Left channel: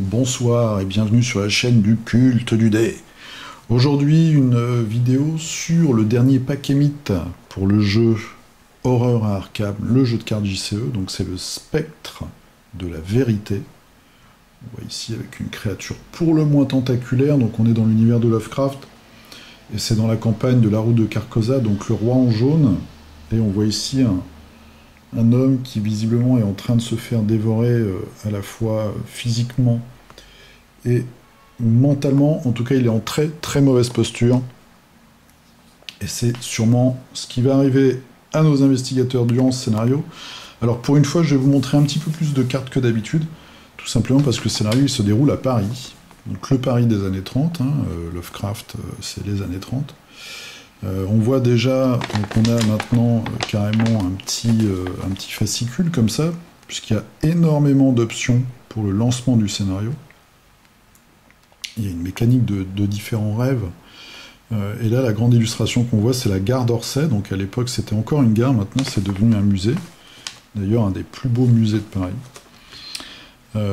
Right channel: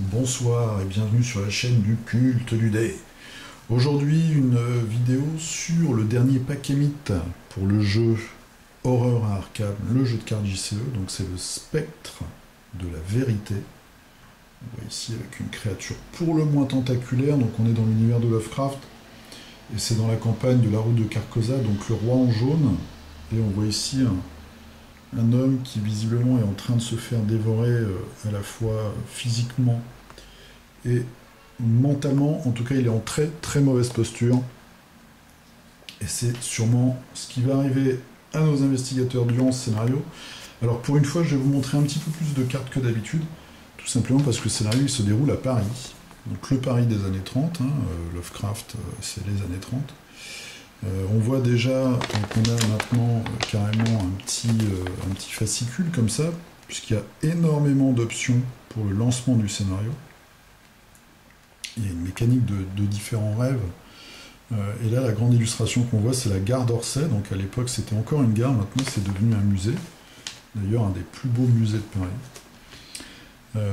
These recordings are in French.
Bonsoir et bienvenue sur la chaîne du culte du dé. Aujourd'hui, une vidéo sur le dernier pack mythe pour le jeu Horreur à Arkham, le jeu de cartes JCE. Donc c'est le Spectre de la Vérité. On voit ici avec une créature pour le moins tentaculaire, donc on est dans l'univers de Lovecraft. Et c'est dans la campagne de la route de Carcosa, donc le roi en jaune. Et on voit ici un homme qui visiblement est en train de se faire dévorer à la fois physiquement et mentalement. En tout cas, il est en très très mauvaise posture. Et c'est sûrement ce qui va arriver à nos investigateurs durant ce scénario. Alors pour une fois, je vais vous montrer un petit peu plus de cartes que d'habitude, tout simplement parce que le scénario il se déroule à Paris. Donc le Paris des années 30, Lovecraft, c'est les années 30. On voit déjà qu'on a maintenant carrément un petit fascicule comme ça, puisqu'il y a énormément d'options pour le lancement du scénario. Il y a une mécanique de différents rêves. Et là, la grande illustration qu'on voit, c'est la gare d'Orsay. Donc à l'époque, c'était encore une gare, maintenant c'est devenu un musée. D'ailleurs, un des plus beaux musées de Paris.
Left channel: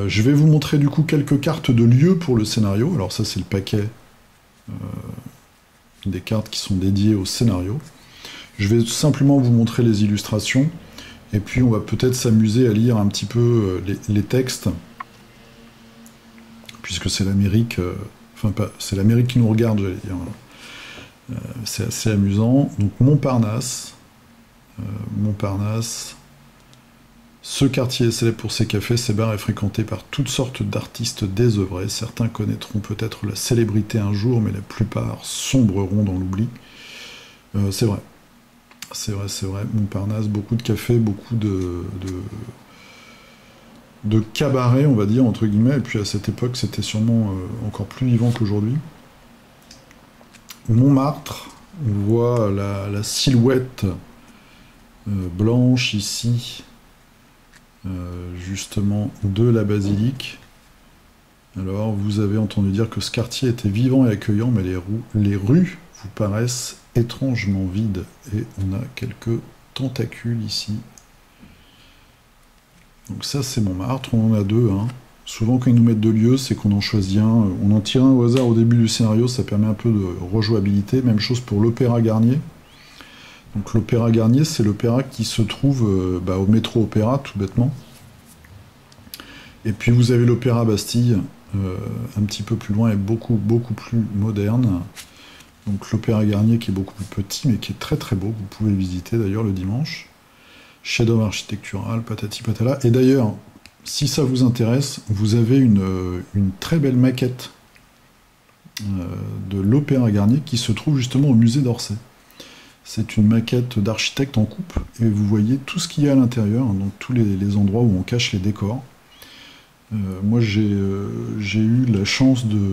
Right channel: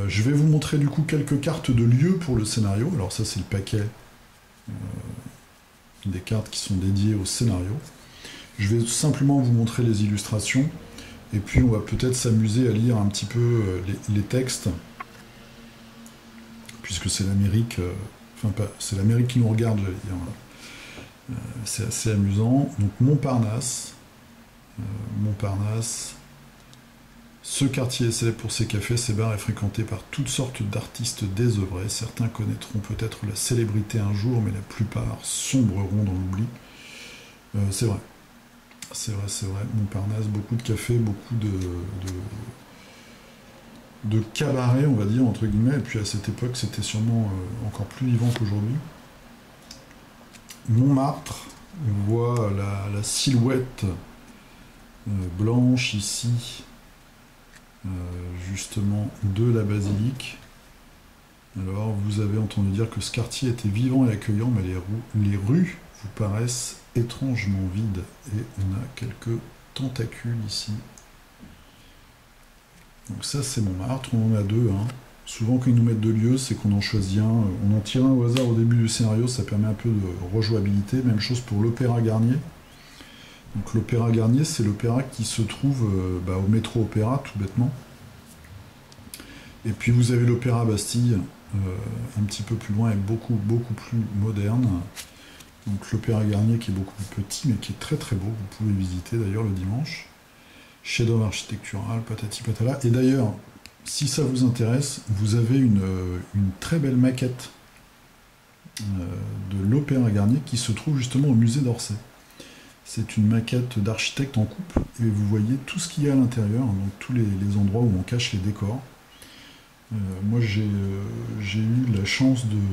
Je vais vous montrer du coup quelques cartes de lieux pour le scénario. Alors ça, c'est le paquet des cartes qui sont dédiées au scénario. Je vais simplement vous montrer les illustrations, et puis on va peut-être s'amuser à lire un petit peu les textes, puisque c'est l'Amérique, c'est l'Amérique qui nous regarde, j'allais dire. C'est assez amusant. Donc Montparnasse, ce quartier est célèbre pour ses cafés, ses bars et fréquenté par toutes sortes d'artistes désœuvrés. Certains connaîtront peut-être la célébrité un jour, mais la plupart sombreront dans l'oubli. C'est vrai. C'est vrai. Montparnasse, beaucoup de cafés, beaucoup de cabarets, on va dire, entre guillemets. Et puis à cette époque, c'était sûrement encore plus vivant qu'aujourd'hui. Montmartre, on voit la silhouette blanche ici, justement de la basilique. Alors vous avez entendu dire que ce quartier était vivant et accueillant, mais les rues vous paraissent étrangement vides. Et on a quelques tentacules ici. Donc ça c'est Montmartre, on en a deux. Souvent quand ils nous mettent deux lieux, c'est qu'on en choisit un. On en tire un au hasard au début du scénario, ça permet un peu de rejouabilité. Même chose pour l'Opéra Garnier. Donc l'Opéra Garnier, c'est l'opéra qui se trouve au métro Opéra, tout bêtement. Et puis vous avez l'Opéra Bastille, un petit peu plus loin et beaucoup plus moderne. Donc l'Opéra Garnier qui est beaucoup plus petit, mais qui est très très beau. Vous pouvez visiter d'ailleurs le dimanche. Chef-d'œuvre architectural, patati patala. Et d'ailleurs, si ça vous intéresse, vous avez une très belle maquette de l'Opéra Garnier qui se trouve justement au musée d'Orsay. C'est une maquette d'architecte en coupe, et vous voyez tout ce qu'il y a à l'intérieur, donc tous les endroits où on cache les décors. Moi j'ai eu la chance de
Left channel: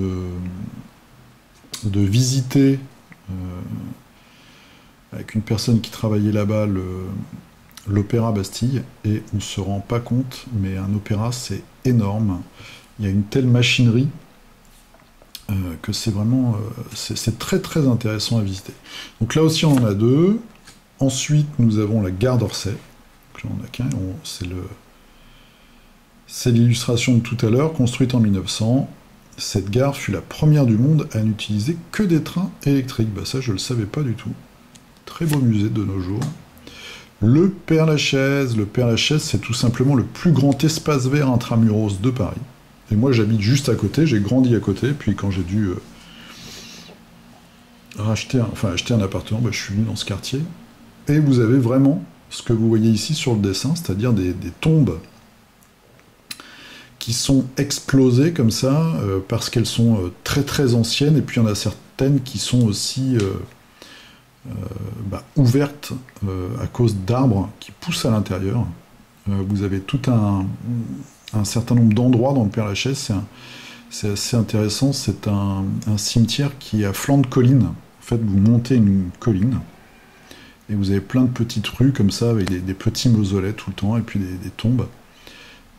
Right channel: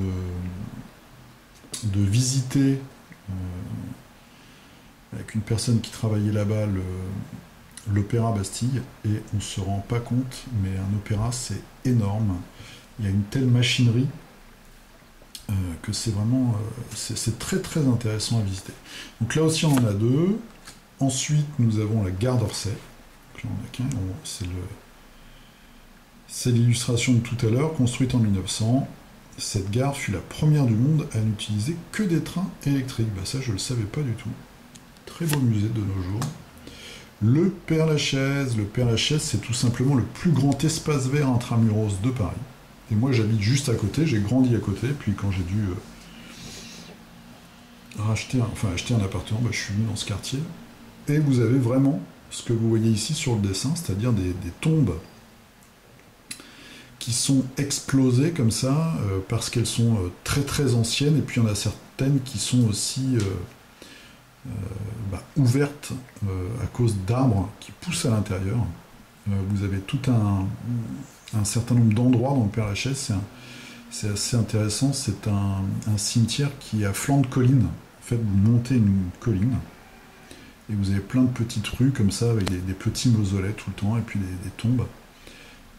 visiter avec une personne qui travaillait là-bas l'Opéra Bastille, et on ne se rend pas compte, mais un opéra c'est énorme. Il y a une telle machinerie que c'est vraiment c'est très très intéressant à visiter. Donc là aussi on en a deux. Ensuite nous avons la gare d'Orsay. Donc là on a qu'un. C'est l'illustration de tout à l'heure, construite en 1900. Cette gare fut la première du monde à n'utiliser que des trains électriques. Bah ça je le savais pas du tout. Très beau musée de nos jours. Le Père-Lachaise, c'est tout simplement le plus grand espace vert intramuros de Paris. Et moi j'habite juste à côté, j'ai grandi à côté, puis quand j'ai dû acheter un appartement, je suis venu dans ce quartier. Et vous avez vraiment ce que vous voyez ici sur le dessin, c'est-à-dire des tombes qui sont explosées comme ça, parce qu'elles sont très très anciennes, et puis il y en a certaines qui sont aussi ouvertes à cause d'arbres qui poussent à l'intérieur. Vous avez tout un certain nombre d'endroits dans le Père-Lachaise, c'est assez intéressant, c'est un cimetière qui est à flanc de colline. En fait, vous montez une colline, et vous avez plein de petites rues comme ça, avec des petits mausolées tout le temps, et puis des tombes.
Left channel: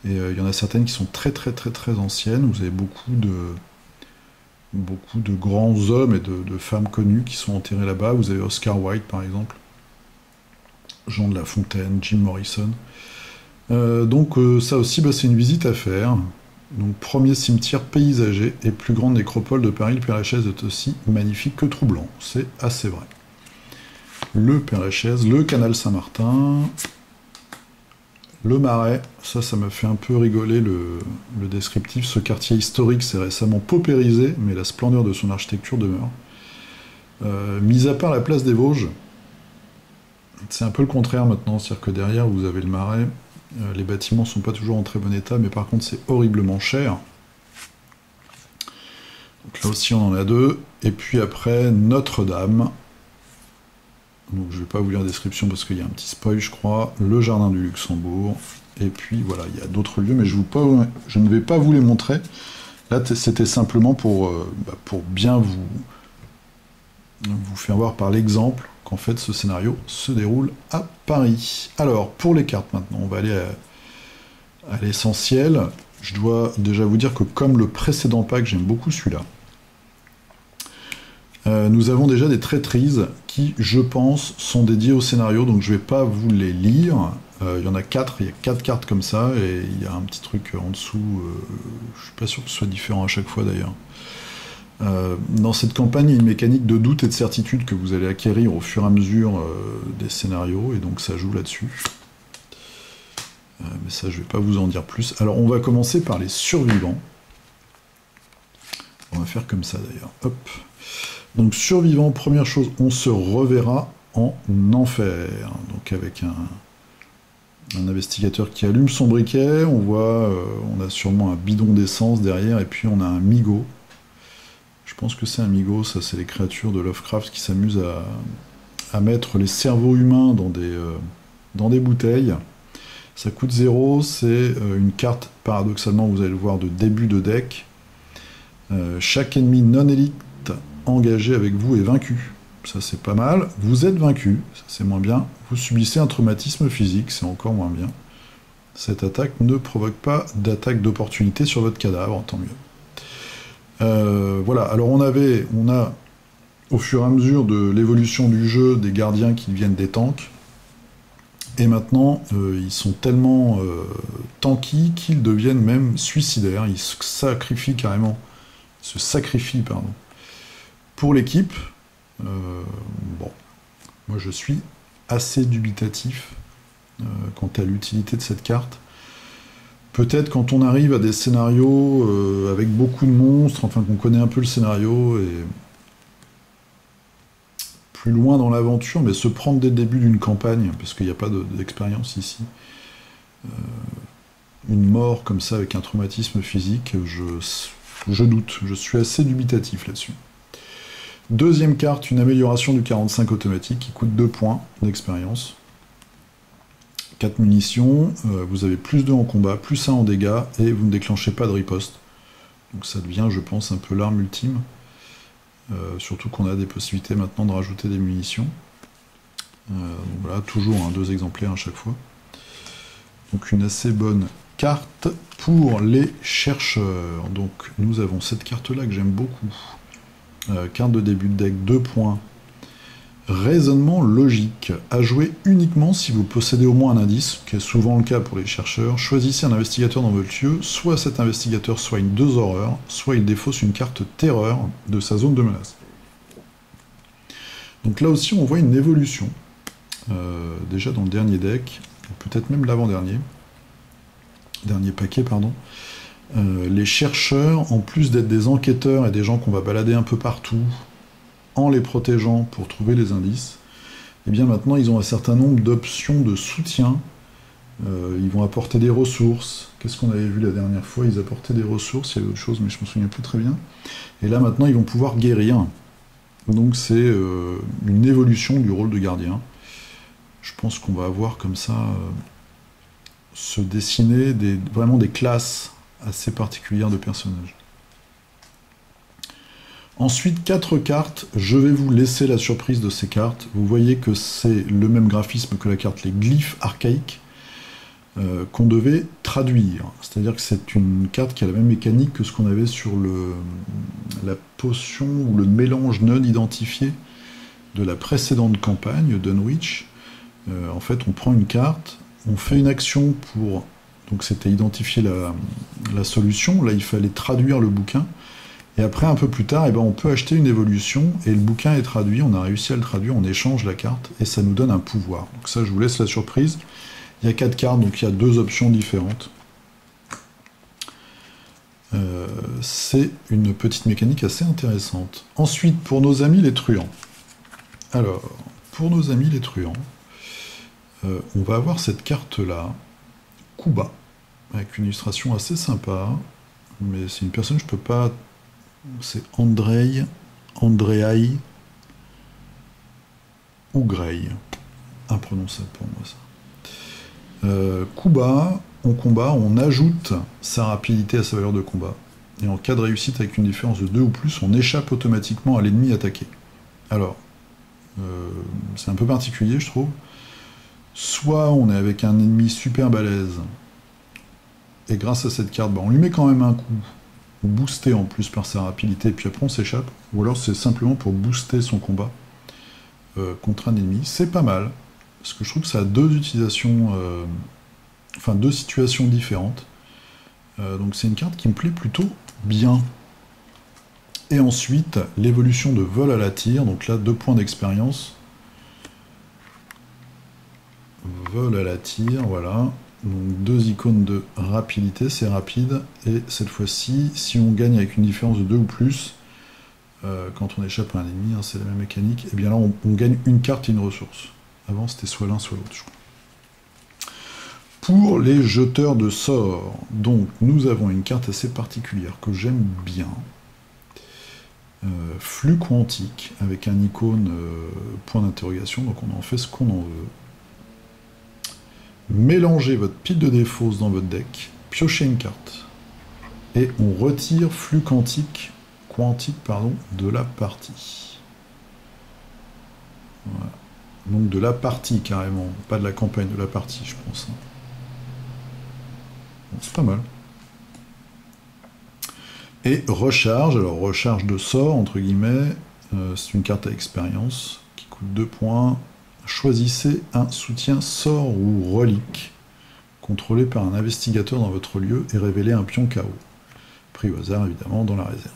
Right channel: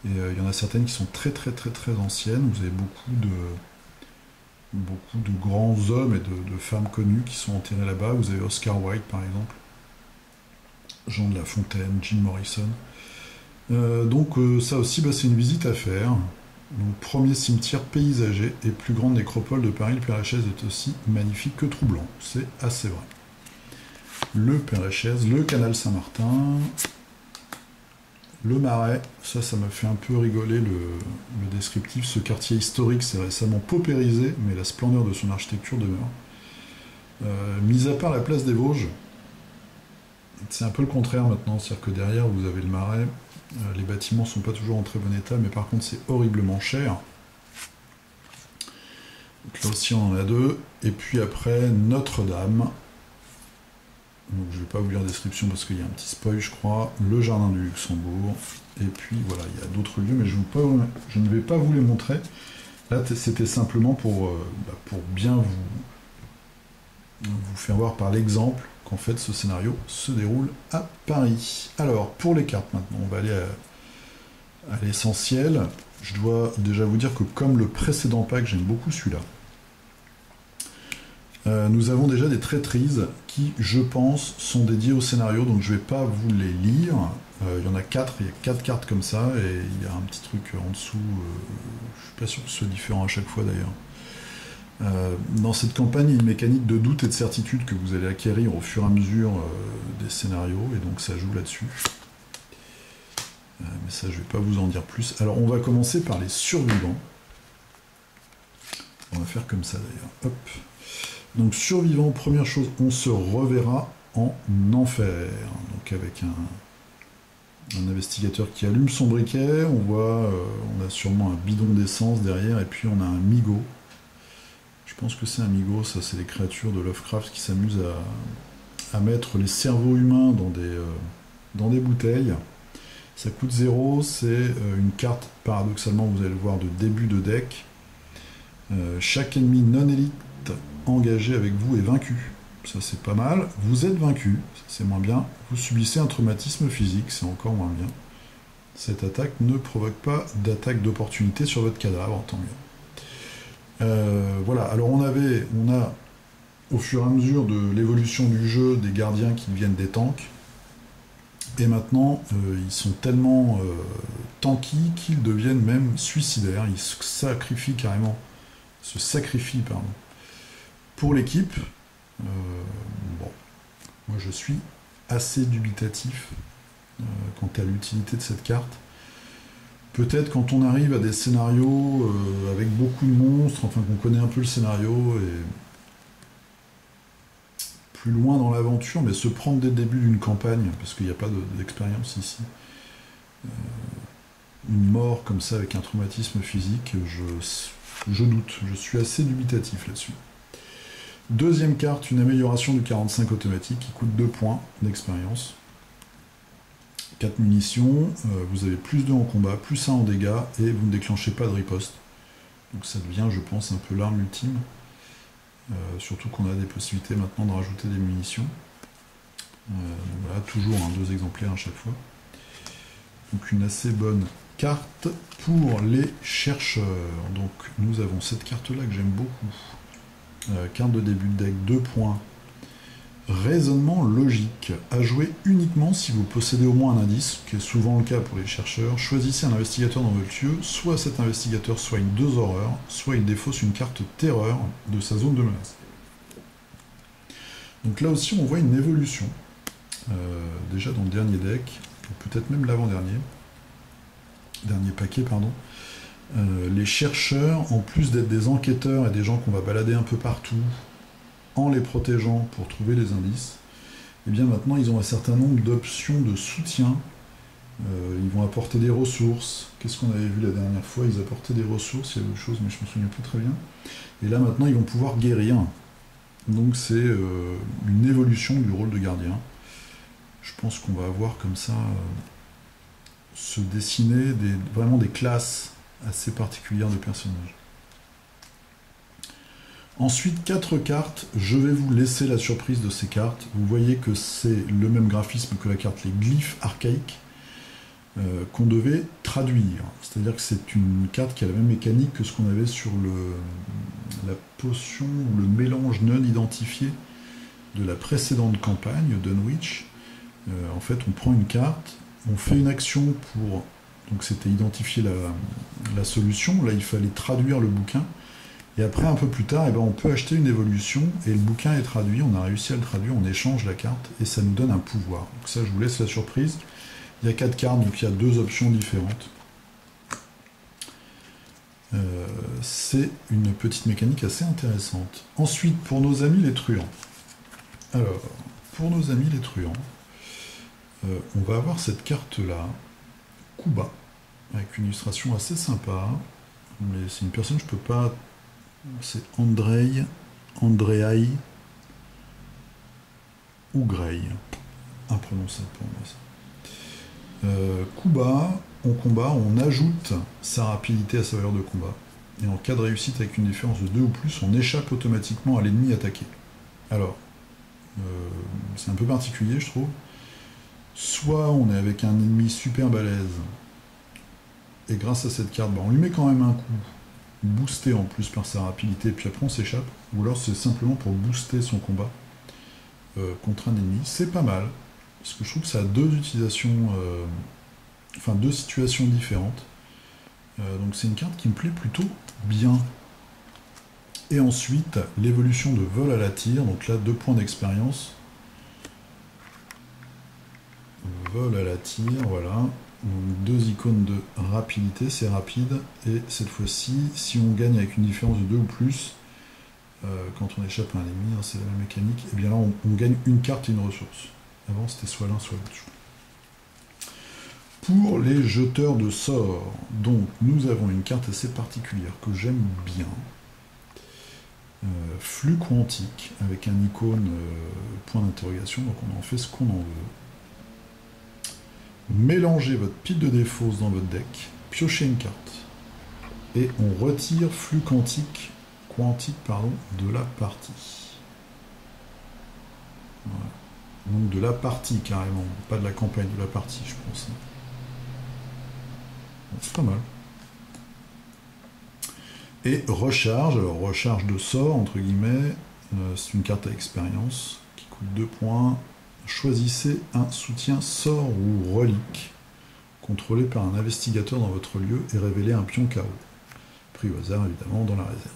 Et il y en a certaines qui sont très très très très anciennes, vous avez beaucoup de grands hommes et de femmes connues qui sont enterrés là-bas. Vous avez Oscar Wilde par exemple, Jean de La Fontaine, Jim Morrison. Donc ça aussi, c'est une visite à faire. Donc, premier cimetière paysager et plus grande nécropole de Paris, le Père-Lachaise est aussi magnifique que troublant. C'est assez vrai. Le Père-Lachaise, le canal Saint-Martin, le Marais, ça m'a fait un peu rigoler le descriptif. Ce quartier historique s'est récemment paupérisé, mais la splendeur de son architecture demeure. Mis à part la place des Vosges, c'est un peu le contraire maintenant, c'est-à-dire que derrière vous avez le Marais, les bâtiments sont pas toujours en très bon état, mais par contre c'est horriblement cher. Donc là aussi on en a deux, et puis après Notre-Dame. Donc je vais pas vous lire la description parce qu'il y a un petit spoil je crois, le jardin du Luxembourg, et puis voilà, il y a d'autres lieux, mais je ne vais pas vous les montrer. Là c'était simplement pour bien vous faire voir par l'exemple qu'en fait ce scénario se déroule à Paris. Alors pour les cartes maintenant, on va aller à l'essentiel. Je dois déjà vous dire que comme le précédent pack, j'aime beaucoup celui-là. Nous avons déjà des traîtrises qui, je pense, sont dédiées au scénario, donc je ne vais pas vous les lire. Il y en a 4, il y a 4 cartes comme ça, et il y a un petit truc en dessous, je suis pas sûr que ce soit différent à chaque fois d'ailleurs. Dans cette campagne, il y a une mécanique de doute et de certitude que vous allez acquérir au fur et à mesure des scénarios, et donc ça joue là-dessus. Mais ça, je ne vais pas vous en dire plus. Alors, on va commencer par les survivants. On va faire comme ça d'ailleurs. Hop. Donc, survivants, première chose, on se reverra en enfer. Donc, avec un investigateur qui allume son briquet, on voit, on a sûrement un bidon d'essence derrière, et puis on a un migot. Je pense que c'est un migot, ça c'est les créatures de Lovecraft qui s'amusent à mettre les cerveaux humains dans des bouteilles. Ça coûte 0, c'est une carte, paradoxalement, vous allez le voir, de début de deck. Chaque ennemi non élite engagé avec vous est vaincu. Ça c'est pas mal. Vous êtes vaincu, ça c'est moins bien. Vous subissez un traumatisme physique, c'est encore moins bien. Cette attaque ne provoque pas d'attaque d'opportunité sur votre cadavre, tant mieux. Voilà, alors on a au fur et à mesure de l'évolution du jeu des gardiens qui deviennent des tanks, et maintenant ils sont tellement tanky qu'ils deviennent même suicidaires, ils se sacrifient carrément, pour l'équipe. Bon, moi je suis assez dubitatif quant à l'utilité de cette carte. Peut-être quand on arrive à des scénarios avec beaucoup de monstres, enfin qu'on connaît un peu le scénario et plus loin dans l'aventure, mais se prendre dès le début d'une campagne, parce qu'il n'y a pas d'expérience ici, une mort comme ça avec un traumatisme physique, je doute, je suis assez dubitatif là-dessus. Deuxième carte, une amélioration du 45 automatique qui coûte 2 points d'expérience. 4 munitions, vous avez plus 2 en combat, plus 1 en dégâts, et vous ne déclenchez pas de riposte. Donc ça devient, je pense, un peu l'arme ultime. Surtout qu'on a des possibilités maintenant de rajouter des munitions. Voilà, toujours 2 exemplaires à chaque fois. Donc une assez bonne carte pour les chercheurs. Donc nous avons cette carte-là que j'aime beaucoup. Carte de début de deck, 2 points. Raisonnement logique, à jouer uniquement si vous possédez au moins un indice, qui est souvent le cas pour les chercheurs. Choisissez un investigateur dans votre lieu, soit cet investigateur soigne 2 horreurs, soit il défausse une carte terreur de sa zone de menace. Donc là aussi on voit une évolution, déjà dans le dernier deck, peut-être même l'avant-dernier, dernier paquet, pardon. Les chercheurs, en plus d'être des enquêteurs et des gens qu'on va balader un peu partout, en les protégeant pour trouver les indices, et bien maintenant ils ont un certain nombre d'options de soutien. Ils vont apporter des ressources. Qu'est-ce qu'on avait vu la dernière fois? Ils apportaient des ressources, il y a d'autres choses mais je me souviens plus très bien. Et là maintenant ils vont pouvoir guérir. Donc c'est une évolution du rôle de gardien. Je pense qu'on va avoir comme ça se dessiner vraiment des classes assez particulières de personnages. Ensuite, 4 cartes, je vais vous laisser la surprise de ces cartes. Vous voyez que c'est le même graphisme que la carte, les glyphes archaïques, qu'on devait traduire. C'est-à-dire que c'est une carte qui a la même mécanique que ce qu'on avait sur la potion ou le mélange non identifié de la précédente campagne, Dunwich. En fait, on prend une carte, on fait une action pour donc c'était identifier la solution. Là, il fallait traduire le bouquin. Et après, un peu plus tard, eh ben, on peut acheter une évolution, et le bouquin est traduit, on a réussi à le traduire, on échange la carte, et ça nous donne un pouvoir. Donc ça, je vous laisse la surprise. Il y a 4 cartes, donc il y a 2 options différentes. C'est une petite mécanique assez intéressante. Ensuite, pour nos amis les truands. Alors, pour nos amis les truands, on va avoir cette carte-là, Kuba, avec une illustration assez sympa, mais c'est une personne, je peux pas... C'est Andrei Ougrey. Imprononçable pour moi, ça. Kuba, en combat, on ajoute sa rapidité à sa valeur de combat. Et en cas de réussite avec une différence de 2 ou plus, on échappe automatiquement à l'ennemi attaqué. Alors, c'est un peu particulier, je trouve. Soit on est avec un ennemi super balèze, et grâce à cette carte, on lui met quand même un coup, boosté en plus par sa rapidité, et puis après on s'échappe. Ou alors c'est simplement pour booster son combat contre un ennemi. C'est pas mal, parce que je trouve que ça a 2 utilisations, enfin 2 situations différentes. Donc c'est une carte qui me plaît plutôt bien. Et ensuite, l'évolution de vol à la tire, donc là 2 points d'expérience. Vol à la tire, voilà. Donc 2 icônes de rapidité, c'est rapide. Et cette fois-ci, si on gagne avec une différence de 2 ou plus, quand on échappe à un ennemi, c'est la même mécanique, et bien là on gagne une carte et une ressource. Avant c'était soit l'un soit l'autre, je crois. Pour les jeteurs de sorts, donc nous avons une carte assez particulière que j'aime bien. Flux quantique, avec un icône point d'interrogation, donc on en fait ce qu'on en veut. Mélangez votre pile de dés fausses dans votre deck, piochez une carte, et on retire flux quantique de la partie. Voilà. Donc de la partie carrément, pas de la campagne, de la partie je pense. Bon, c'est pas mal. Et recharge, alors recharge de sort, entre guillemets, c'est une carte à expérience qui coûte 2 points. Choisissez un soutien sort ou relique contrôlé par un investigateur dans votre lieu et révélez un pion KO. Pris au hasard évidemment dans la réserve.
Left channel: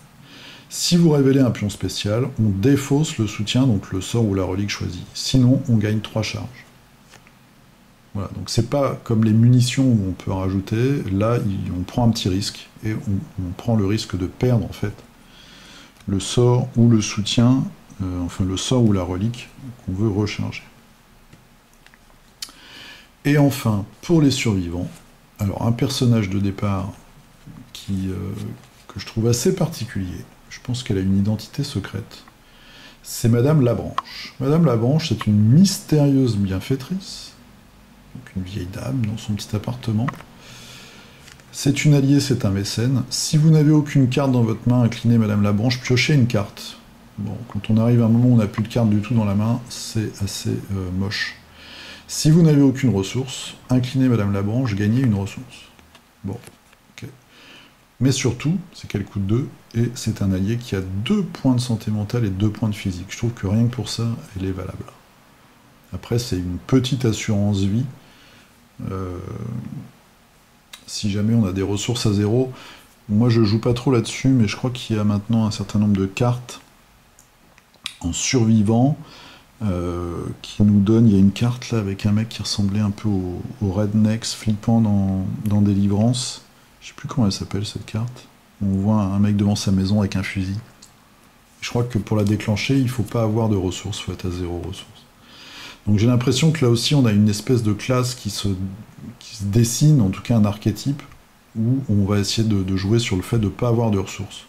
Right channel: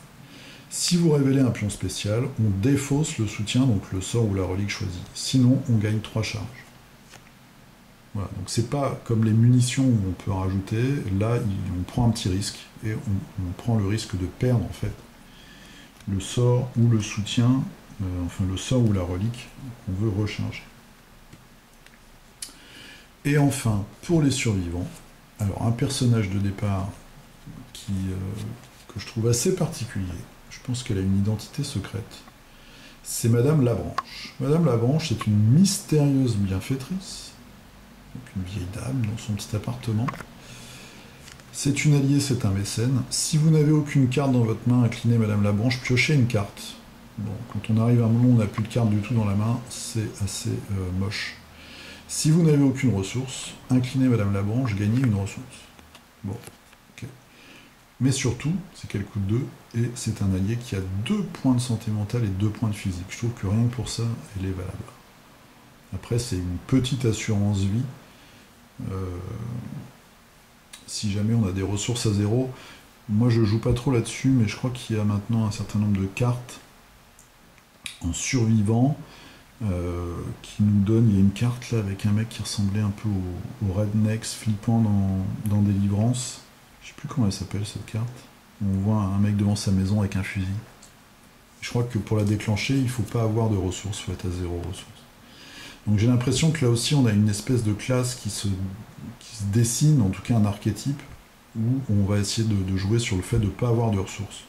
Si vous révélez un pion spécial, on défausse le soutien, donc le sort ou la relique choisie. Sinon, on gagne 3 charges. Voilà, donc c'est pas comme les munitions où on peut rajouter, là on prend un petit risque, et on prend le risque de perdre en fait le sort ou le soutien, enfin le sort ou la relique qu'on veut recharger. Et enfin, pour les survivants, alors un personnage de départ que je trouve assez particulier, je pense qu'elle a une identité secrète, c'est Madame Labranche. Madame Labranche, c'est une mystérieuse bienfaitrice, donc une vieille dame dans son petit appartement. C'est une alliée, c'est un mécène. Si vous n'avez aucune carte dans votre main, inclinez Madame Labranche, piochez une carte. Bon, quand on arrive à un moment où on n'a plus de carte du tout dans la main, c'est assez moche. Si vous n'avez aucune ressource, inclinez Madame Labranche, gagnez une ressource. Bon, ok. Mais surtout, c'est qu'elle coûte 2, et c'est un allié qui a 2 points de santé mentale et 2 points de physique. Je trouve que rien que pour ça, elle est valable. Après, c'est une petite assurance vie. Si jamais on a des ressources à 0, moi je joue pas trop là-dessus, mais je crois qu'il y a maintenant un certain nombre de cartes en survivant qui nous donne, il y a une carte là avec un mec qui ressemblait un peu au Rednecks flippant dans Délivrance. Je sais plus comment elle s'appelle cette carte. On voit un mec devant sa maison avec un fusil. Je crois que pour la déclencher, il faut pas avoir de ressources, il faut être à 0 ressources. Donc j'ai l'impression que là aussi on a une espèce de classe qui se dessine, en tout cas un archétype, où on va essayer de jouer sur le fait de ne pas avoir de ressources.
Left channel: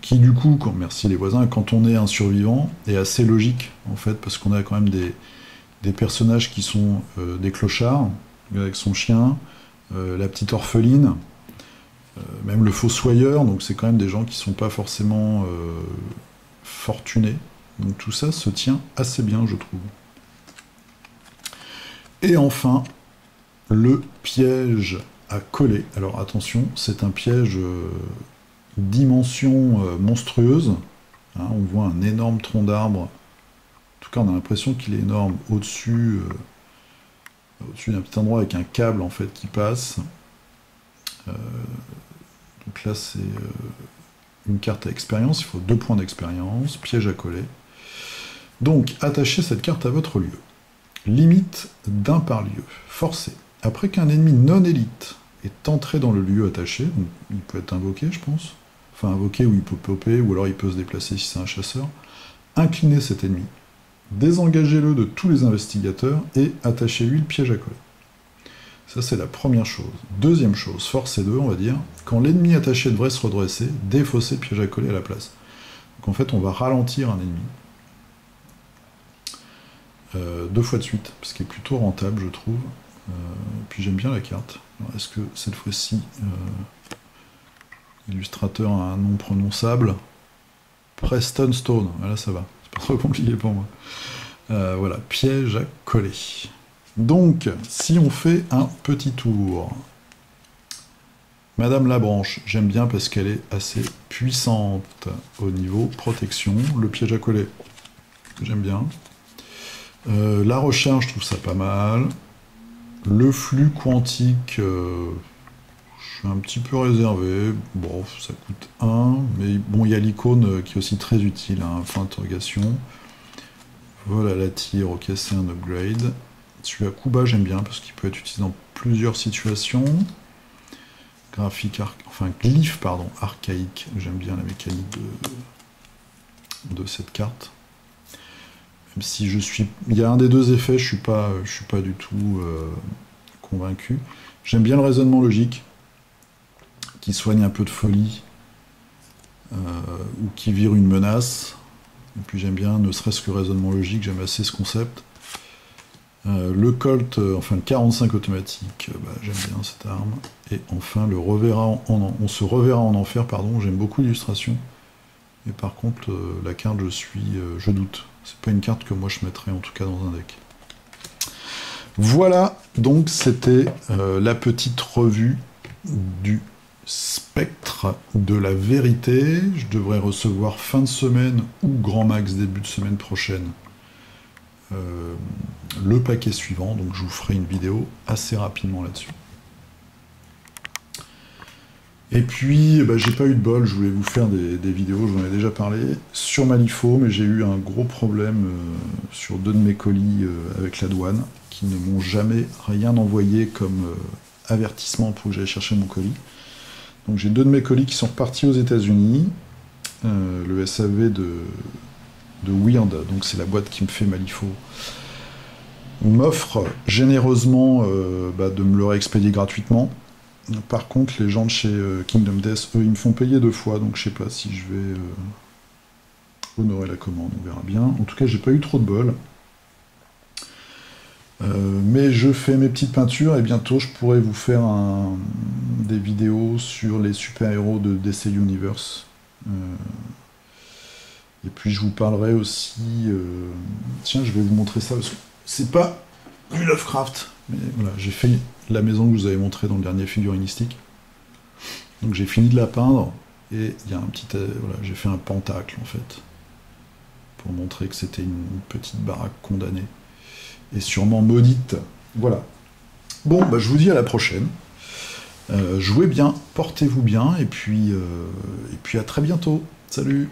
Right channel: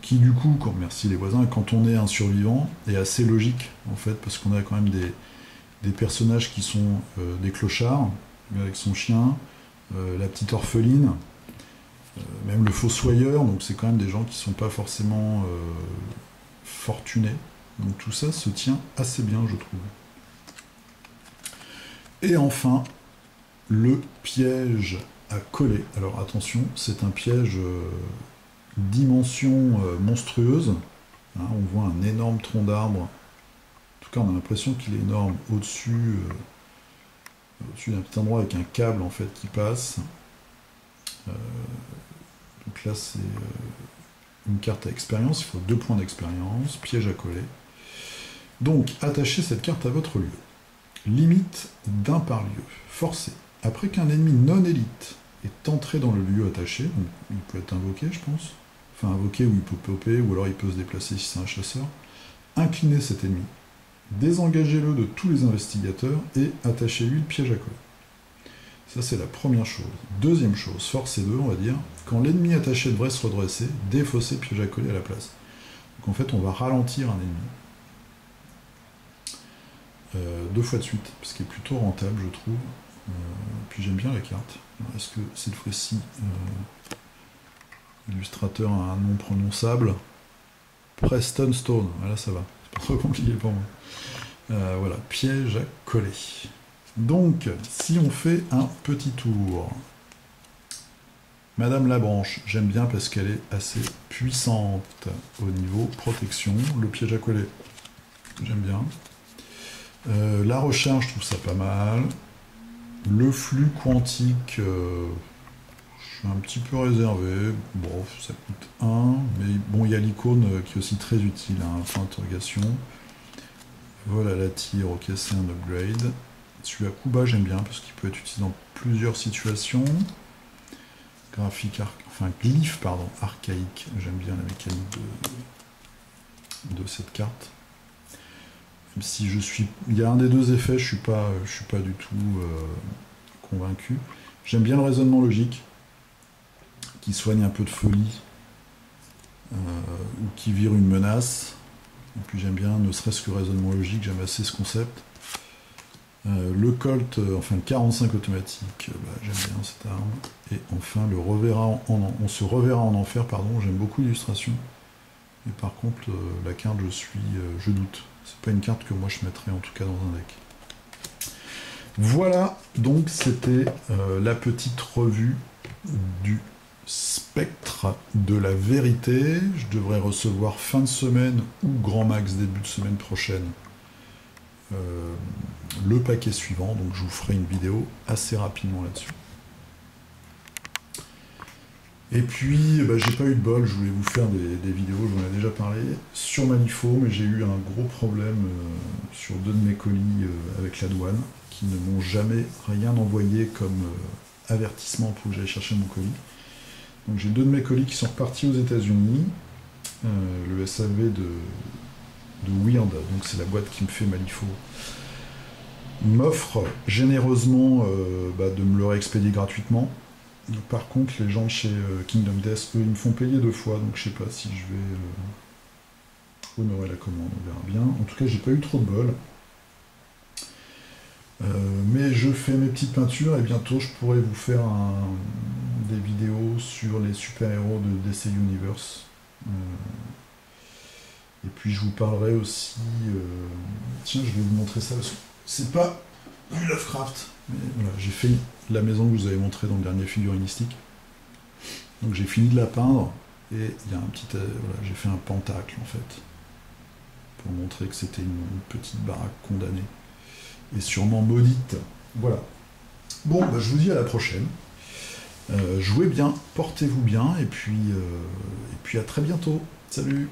Qui du coup, merci les voisins, quand on est un survivant, est assez logique en fait, parce qu'on a quand même des personnages qui sont des clochards, avec son chien, la petite orpheline, même le fossoyeur, donc c'est quand même des gens qui ne sont pas forcément fortunés. Donc tout ça se tient assez bien, je trouve. Et enfin, le piège à coller. Alors attention, c'est un piège dimension monstrueuse. Hein, on voit un énorme tronc d'arbre. En tout cas, on a l'impression qu'il est énorme au-dessus au-dessus d'un petit endroit avec un câble en fait qui passe. Donc là c'est une carte à expérience, il faut 2 points d'expérience, piège à coller. Donc attachez cette carte à votre lieu. Limite d'1 par lieu. Forcé. Après qu'un ennemi non élite est entré dans le lieu attaché, donc il peut être invoqué je pense, enfin invoqué ou il peut popper, ou alors il peut se déplacer si c'est un chasseur, inclinez cet ennemi, désengagez-le de tous les investigateurs et attachez-lui le piège à coller. Ça c'est la première chose. Deuxième chose, force 2 on va dire, quand l'ennemi attaché devrait se redresser, défaussez le piège à coller à la place. Donc en fait on va ralentir un ennemi. 2 fois de suite, ce qui est plutôt rentable je trouve. Puis j'aime bien la carte. Est-ce que cette fois-ci l'illustrateur a un nom prononçable? Preston Stone, voilà ça va, c'est pas trop compliqué pour moi. Voilà, piège à coller. Donc, si on fait un petit tour, Madame Labranche, j'aime bien parce qu'elle est assez puissante au niveau protection. Le piège à coller, j'aime bien. La recharge, je trouve ça pas mal. Le flux quantique, je suis un petit peu réservé. Bon, ça coûte 1, mais bon, il y a l'icône qui est aussi très utile, hein, point d'interrogation. Vol à la tire, ok, c'est un upgrade. Celui à coup bas, j'aime bien parce qu'il peut être utilisé dans plusieurs situations. Graphique, enfin glyphe, pardon, archaïque. J'aime bien la mécanique de cette carte. Même si je suis, il y a un des deux effets, je suis pas du tout convaincu. J'aime bien le raisonnement logique, qui soigne un peu de folie, ou qui vire une menace. Et puis j'aime bien, ne serait-ce que le raisonnement logique, j'aime assez ce concept. Le Colt, enfin le 45 automatique, j'aime bien cette arme. Et enfin le on se reverra en enfer, pardon, j'aime beaucoup l'illustration. Mais par contre, la carte, je doute. C'est pas une carte que moi je mettrais en tout cas dans un deck. Voilà, donc c'était la petite revue du spectre de la vérité. Je devrais recevoir fin de semaine ou grand max début de semaine prochaine le paquet suivant, donc je vous ferai une vidéo assez rapidement là-dessus. Et puis, j'ai pas eu de bol, je voulais vous faire des vidéos, je vous en ai déjà parlé, sur Malifaux, mais j'ai eu un gros problème sur 2 de mes colis avec la douane, qui ne m'ont jamais rien envoyé comme avertissement pour que j'aille chercher mon colis. Donc j'ai 2 de mes colis qui sont repartis aux États-Unis, le SAV de Weird, donc c'est la boîte qui me fait Malifaux, m'offre généreusement de me le réexpédier gratuitement. Par contre, les gens de chez Kingdom Death, eux, ils me font payer 2 fois, donc je sais pas si je vais honorer la commande, on verra bien. En tout cas, j'ai pas eu trop de bol. Mais je fais mes petites peintures et bientôt je pourrai vous faire des vidéos sur les super-héros de DC Universe. Et puis je vous parlerai aussi... Tiens, je vais vous montrer ça, parce que c'est pas du Lovecraft, mais voilà, j'ai fait la maison que je vous avais montrée dans le dernier figurinistique. Donc j'ai fini de la peindre, et il y a un petit... voilà, j'ai fait un pentacle, en fait, pour montrer que c'était une petite baraque condamnée, et sûrement maudite. Voilà. Bon, je vous dis à la prochaine. Jouez bien, portez-vous bien, et puis à très bientôt. Salut!